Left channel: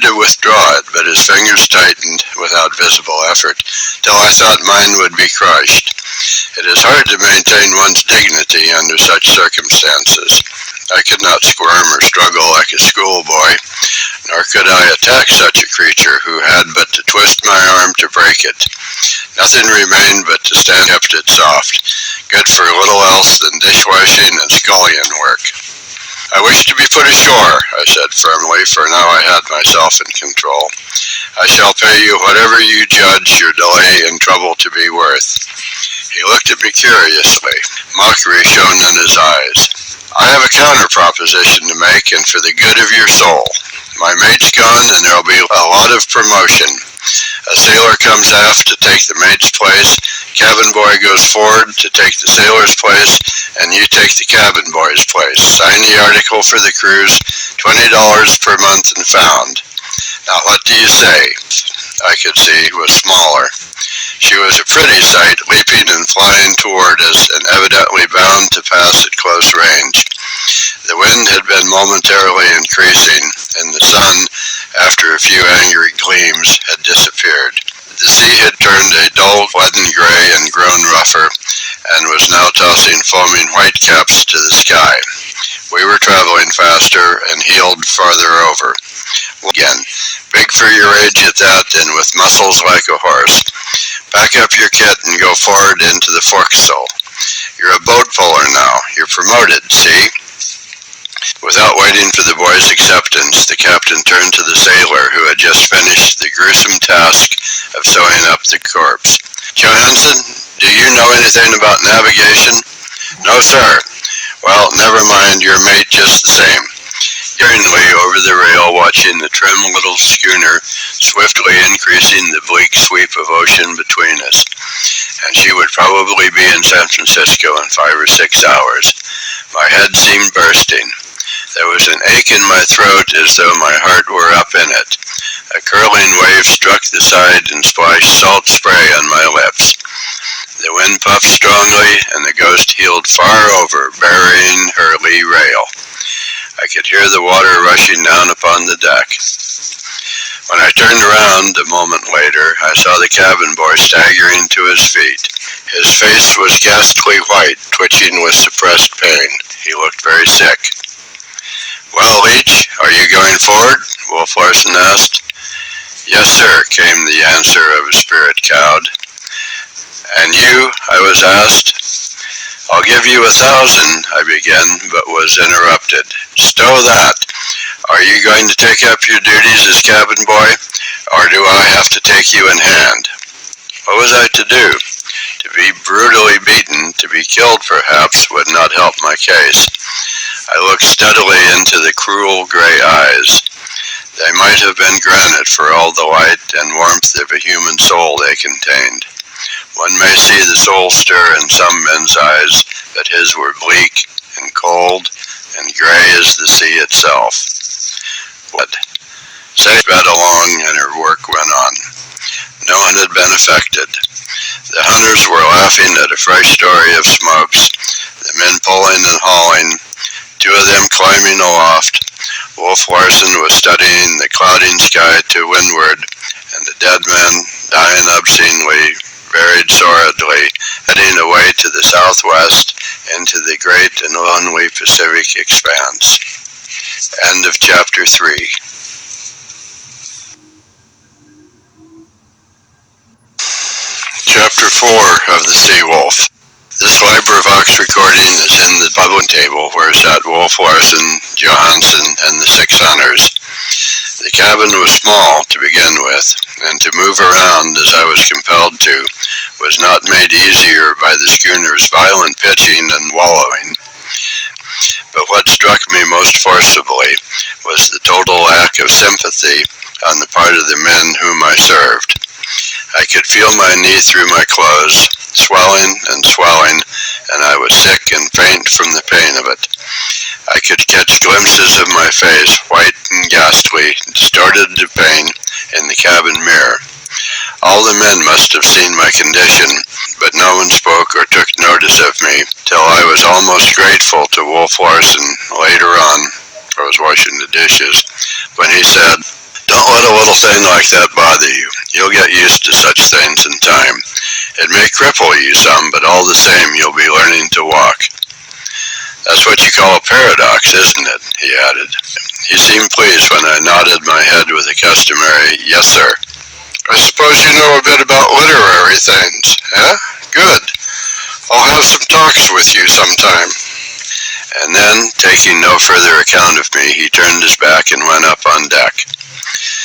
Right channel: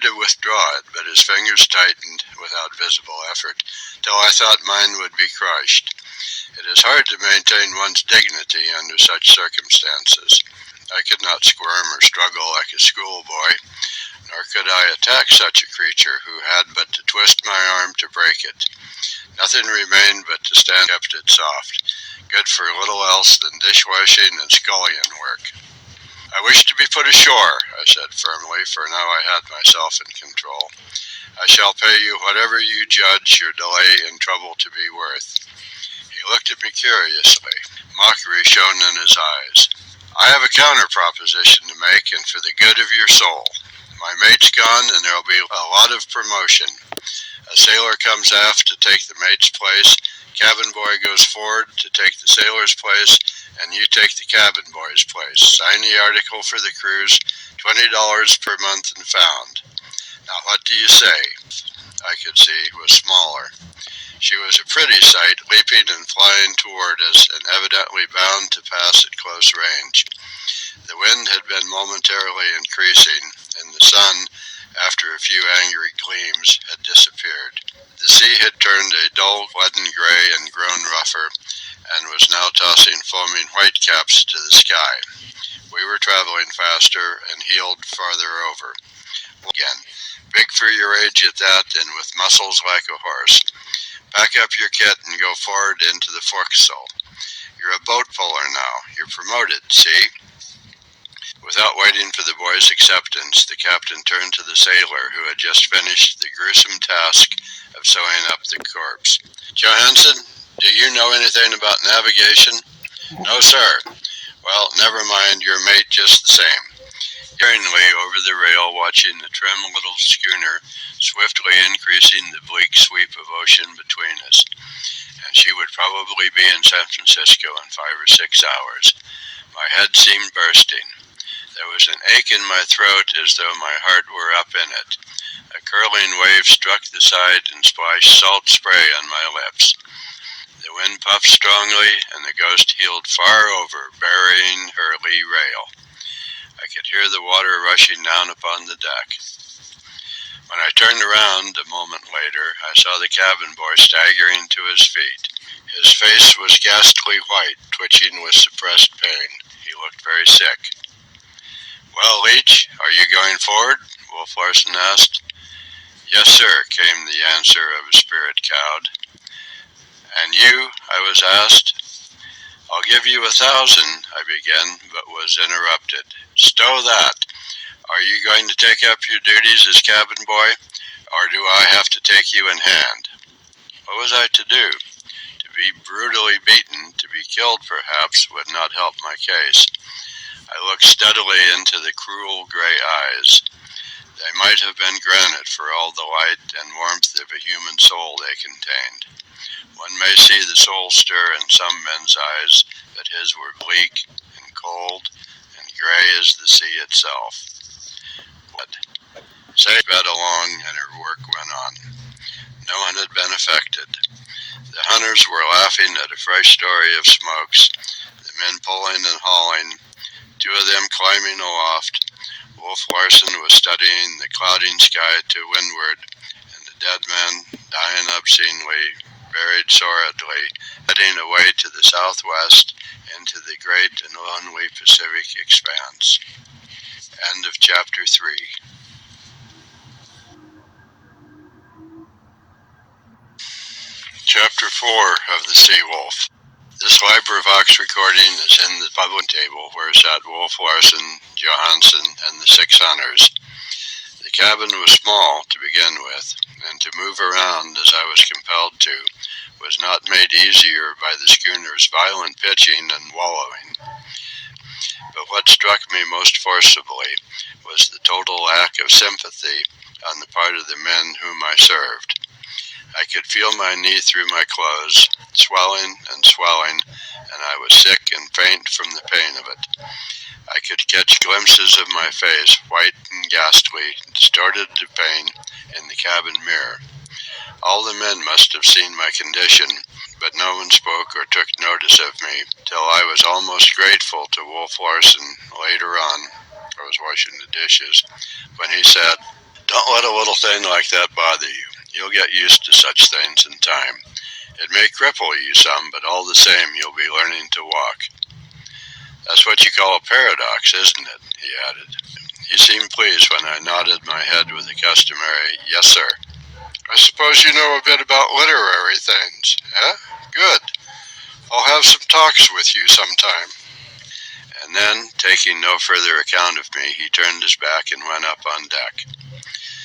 tried to withdraw it, but his fingers tightened without visible effort, till I thought mine would be crushed. It is hard to maintain one's dignity under such circumstances. I could not squirm or struggle like a schoolboy, nor could I attack such a creature who had but to twist my arm to break it. Nothing remained but to stand kept it soft, good for little else than dishwashing and scullion work. I wish to be put ashore, I said firmly, for now I had myself in control. I shall pay you whatever you judge your delay and trouble to be worth. He looked at me curiously. Mockery shone in his eyes. I have a counter proposition to make, and for the good of your soul. My mate's gone, and there'll be a lot of promotion. A sailor comes aft to take the mate's place, cabin boy goes forward to take the sailor's place, and you take the cabin boy's place. Sign the article for the cruise, $20 per month and found. Now what do you say? I could see was smaller. She was a pretty sight, leaping and flying toward us, and evidently bound to pass at close range. The wind had been momentarily increasing, and the sun, after a few angry gleams, had disappeared. The sea had turned a dull leaden gray and grown rougher, and was now tossing foaming whitecaps to the sky. We were traveling faster and heeled farther over. Again, big for your age at that, and with muscles like a horse. Pack up your kit and go forward into the forecastle. You're a boat puller now. You're promoted, see? Without waiting for the boy's acceptance, the captain turned to the sailor who had just finished the gruesome task of sewing up the corpse. Johansen, do you know anything about navigation? No, sir. Well, never mind, your mate just the same. Yearningly over the rail, watching the trim little schooner swiftly increasing the bleak sweep of ocean between us, and she would probably be in San Francisco in 5 or 6 hours. My head seemed bursting. There was an ache in my throat as though my heart were up in it. A curling wave struck the side and splashed salt spray on my lips. The wind puffed strongly, and the Ghost heeled far over, burying her lee rail. I could hear the water rushing down upon the deck. When I turned around a moment later, I saw the cabin boy staggering to his feet. His face was ghastly white, twitching with suppressed pain. He looked very sick. Well, Leach, are you going forward? Wolf Larsen asked. Yes, sir, came the answer of a spirit cowed. And you? I was asked. I'll give you 1,000, I began, but was interrupted. Stow that. Are you going to take up your duties as cabin boy, or do I have to take you in hand? What was I to do? To be brutally beaten, to be killed perhaps, would not help my case. I looked steadily into the cruel gray eyes. They might have been granite for all the light and warmth of a human soul they contained. One may see the soul stir in some men's eyes, but his were bleak and cold and gray as the sea itself. What? Say sped along and her work went on. No one had been affected. The hunters were laughing at a fresh story of smokes, the men pulling and hauling, 2 of them climbing aloft. Wolf Larsen was studying the clouding sky to windward, and the dead men, dying obscenely, buried sordidly, heading away to the southwest into the great and lonely Pacific expanse. End of chapter 3. Chapter 4 of The Sea Wolf. This LibriVox recording is in the public table where sat Wolf Larsen, Johansen, and the 6 hunters. The cabin was small to begin with, and to move around as I was compelled to was not made easier by the schooner's violent pitching and wallowing. But what struck me most forcibly was the total lack of sympathy on the part of the men whom I served. I could feel my knee through my clothes, swelling and swelling, and I was sick and faint from the pain of it. I could catch glimpses of my face, white and ghastly, distorted to pain, in the cabin mirror. All the men must have seen my condition, but no one spoke or took notice of me, till I was almost grateful to Wolf Larsen later on, I was washing the dishes, when he said, Don't let a little thing like that bother you. You'll get used to such things in time. It may cripple you some, but all the same you'll be learning to walk. That's what you call a paradox, isn't it? He added. He seemed pleased when I nodded my head with the customary, yes, sir. I suppose you know a bit about literary things, eh? Good. I'll have some talks with you sometime. And then, taking no further account of me, he turned his back and went up on deck.